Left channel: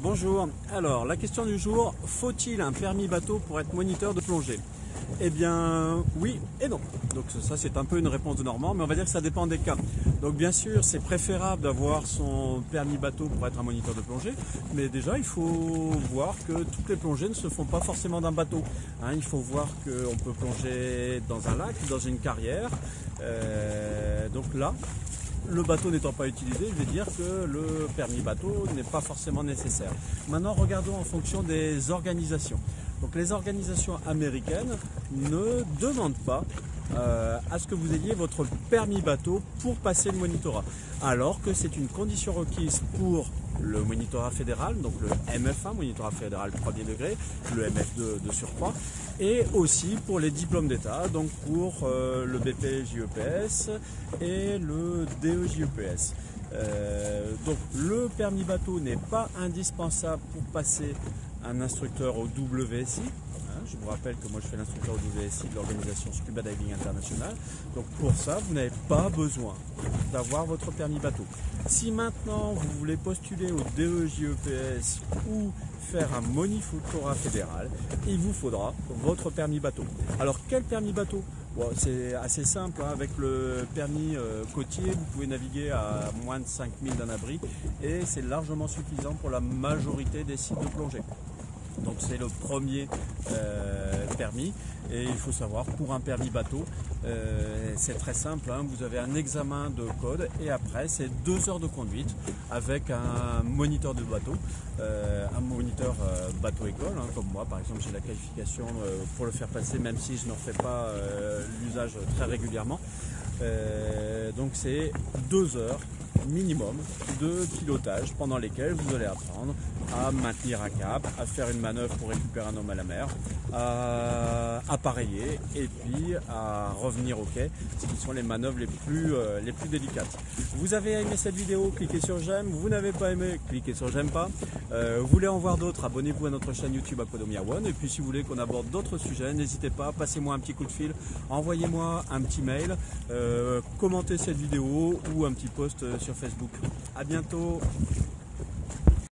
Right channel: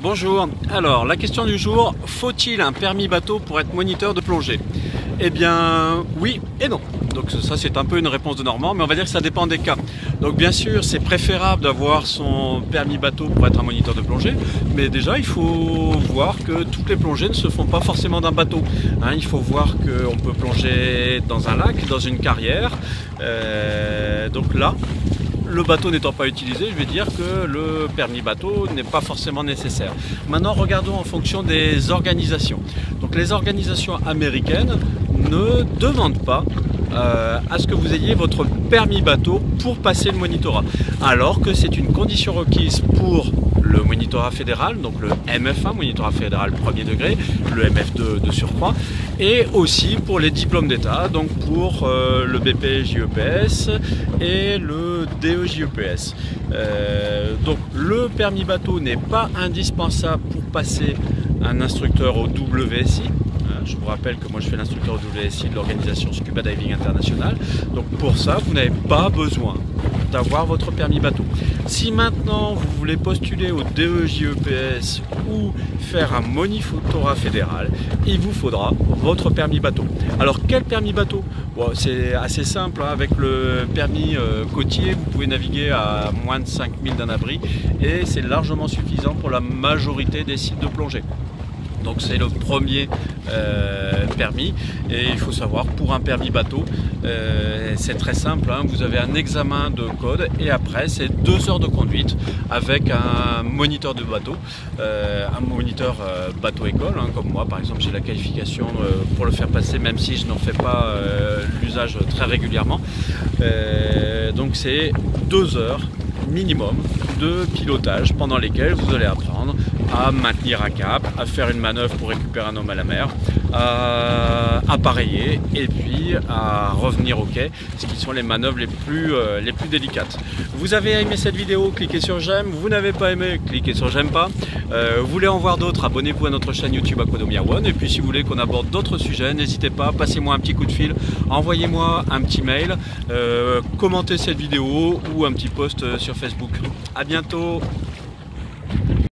Bonjour, alors la question du jour, faut-il un permis bateau pour être moniteur de plongée? Eh bien oui et non. Donc ça c'est un peu une réponse de Normand, mais on va dire que ça dépend des cas. Donc bien sûr c'est préférable d'avoir son permis bateau pour être un moniteur de plongée, mais déjà il faut voir que toutes les plongées ne se font pas forcément d'un bateau. Il faut voir qu'on peut plonger dans un lac, dans une carrière, donc là le bateau n'étant pas utilisé, je vais dire que le permis bateau n'est pas forcément nécessaire. Maintenant, regardons en fonction des organisations. Donc, les organisations américaines ne demandent pas à ce que vous ayez votre permis bateau pour passer le monitorat, alors que c'est une condition requise pour le monitorat fédéral, donc le MF1, monitorat fédéral premier degré, le MF2 de surcroît, et aussi pour les diplômes d'État, donc pour le BPJEPS et le DEJEPS. Donc le permis bateau n'est pas indispensable pour passer un instructeur au WSI. Je vous rappelle que moi je fais l'instructeur au WSI de l'organisation Scuba Diving International. Donc pour ça, vous n'avez pas besoin d'avoir votre permis bateau. Si maintenant vous voulez postuler au DEJEPS ou faire un monitorat fédéral, il vous faudra votre permis bateau. Alors quel permis bateau? Bon, c'est assez simple, avec le permis côtier, vous pouvez naviguer à moins de 5000 d'un abri et c'est largement suffisant pour la majorité des sites de plongée. Donc c'est le premier permis, et il faut savoir, pour un permis bateau, c'est très simple, vous avez un examen de code et après c'est 2 heures de conduite avec un moniteur de bateau, un moniteur bateau école, comme moi par exemple j'ai la qualification pour le faire passer, même si je n'en fais pas l'usage très régulièrement. Donc c'est 2 heures minimum de pilotage pendant lesquelles vous allez apprendre à maintenir un cap, à faire une manœuvre pour récupérer un homme à la mer, à appareiller et puis à revenir au quai, ce qui sont les manœuvres les plus délicates. Vous avez aimé cette vidéo, cliquez sur j'aime. Vous n'avez pas aimé, cliquez sur j'aime pas. Vous voulez en voir d'autres, abonnez-vous à notre chaîne YouTube Aquadomia One. Et puis si vous voulez qu'on aborde d'autres sujets, n'hésitez pas, passez-moi un petit coup de fil, envoyez-moi un petit mail, commentez cette vidéo ou un petit post sur Facebook. À bientôt.